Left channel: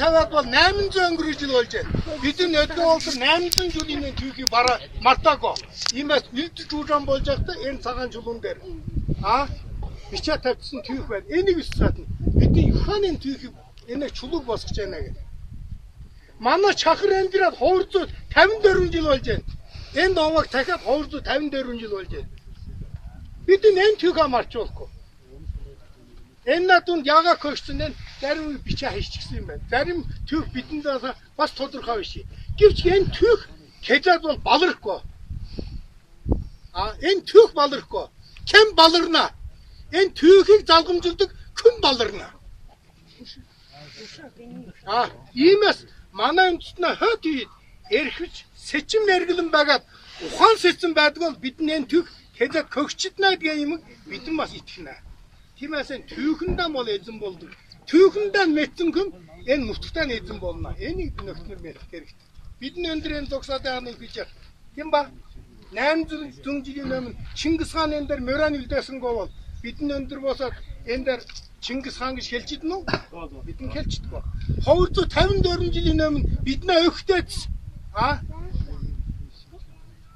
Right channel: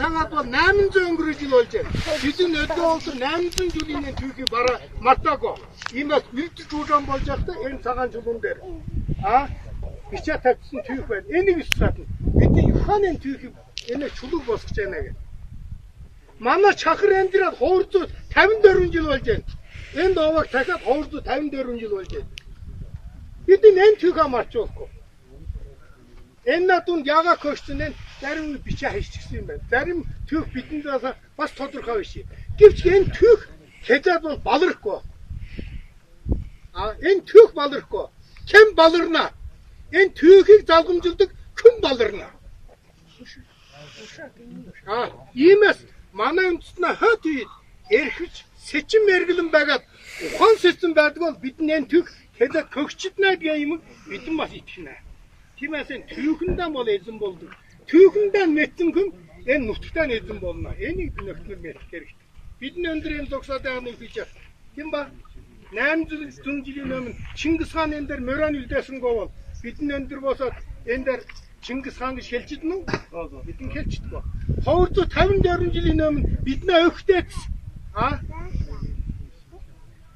таваад бол 800 өнгөрөж жил болж байна. Бидний өдөө болтор 800 жилийн түүхий бараа мартаагүй. Иймээс үлдэж уужаан болж байхдаа энэ цагаан чулуун дээр бичээ тавьсан түүх байна. Энийг суусаад бидний Юханы түүхийг энэ чулууг босгож байна гэх. Манай чахар энэ дээр 254 жил болж байна. Энэ овог дахиад 254 жил болж байна. Бид энэ түүхээ марчуулахгүй. Энэ надад яга көшсөн энэ зарим бичээ хийчихсэн юм байна. Зарим түүх бидэнд бас тодорхой биш. Гэвч энэ түүх хэзээ бол балархгүй. Энэ түүх балархгүй. Хэн баларна? Энэ түүхийг залгамжилдаг хүн баларна. Иймээс манай үндэстнээ хот үед эрхэж сэчим мэргэлэн байгаад ухаан сэцэн байдаг бол бидний энэ түүх хэзээ көгчднэ гэх юм бидэн бас итгэнэ. Тиймээс энэ түүхэндээ бол эзэн болдог. Түүхэндээ мэдсэн хүн энэ нутагтаа эзэн болно. Энийг нөхцөл мэдэх хэрэгтэй. Бидний өндөр энэ зогсоод байгаа нэг биш. Тийм ба? 800 жилийн өмнө Чингис хаан энэ дээр моран үлдээсэнгөө бол бидний өндөр босоод энэ дээр Чингис хаан гэж хэлчихдэг нь үү? Бидний хэлчихдэг. 254 жилийн өмнө бидний өгтөөц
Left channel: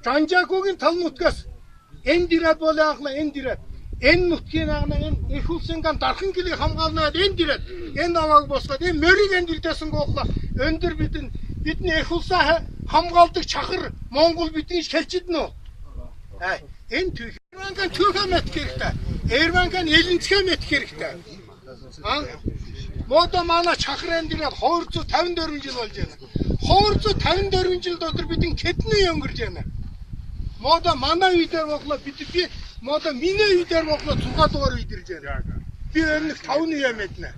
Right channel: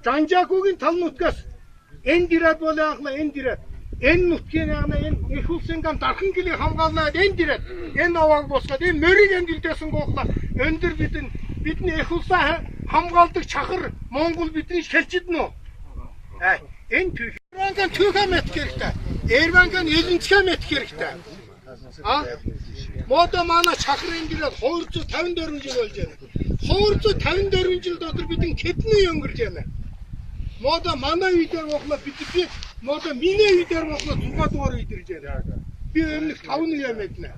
Жанжакогийн тал нутгаас энэ дирад болоохла энэ дирад энэ нутгийн энэ их улсын гам дархан гэлийг хамгаалнаад энэ дирад энэ овоог босгоод энэ морийг энэ дилдээсэн гоохла өндөр бидний их улсаа хамгаалдаг чахар Монгол бидний хэлчихдэг нь үү? Энэ түүх Эрванкан түүхээ мэдэх хэрэгтэй. Эрванкан элэнцгээ мэдэх хэрэгтэй. Модо манай чахрын дирад 254 жил болж байна. 254 жил дотор бидний хэдний өнгөрж байна. Модо манай үедээ боглоо бидний модо миний үедээ боглоо 6 дугаар үед ирж байна. Би өмнөх 5-ны юм мэднэ.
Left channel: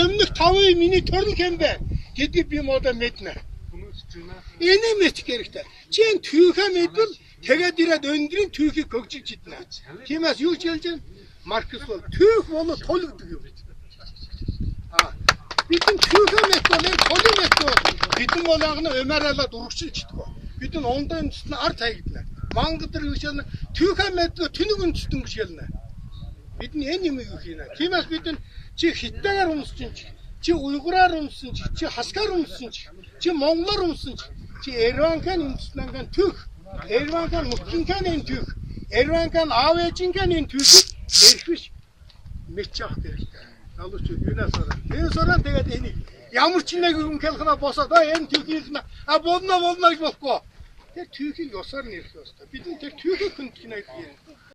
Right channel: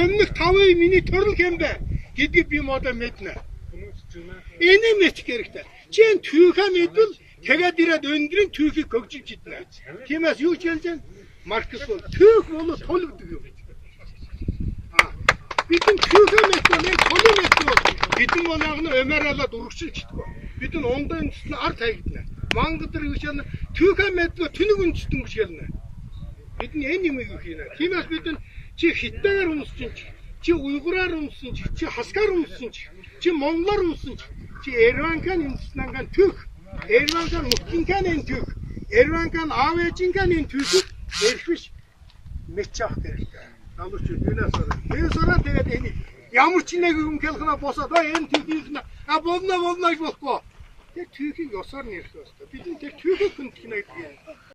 Өмнөх 5-ыг миний төрөл хэмбэ гэдгийг би модо мэднэ. Энийг мэдэх хэрэгтэй. Чи энэ түүхээ мэдвэл тэгээд ирээд өндрийн түүхийг хөгжиж иднэ. Тиймээс юу ч хэлж байна? Маркс бол түүх бол тулгдаг юм. Бидний түүхээ мэдвэл энэ тулын мэдвэл бидний монагны өмөрөөлөд урагшилчдаг. Бидний ондоо үндэстэн ард хаягдана. Мангад гэж хэлнэ. Түүхээ мэдвэл тэнэг үндэстэн гэж хэлнэ. Бидний энэ юм юу хийнэ? Тиймээс бид чи хиттайгаар өмссөн чи уйгураар өмссөн чи хаскаар өмссөн чи монголоор өмссөн чи Эрванкан үндэстэн түүх Эрванкан мутгинкан энэ түүх Эрванкан аавэжинкан энэ түүхийг эрхвиш мэдчих хэрэгтэй. Налууч юунаас ороо тэгээд энийг ямар ч нэг юм хэлхнаа босоод энэ түүхийг болно гэж болохгүй. Тэр түүхийг ёсоор нэрх ёстой. Бидний тэр түүхийг хүндэх нэг юм.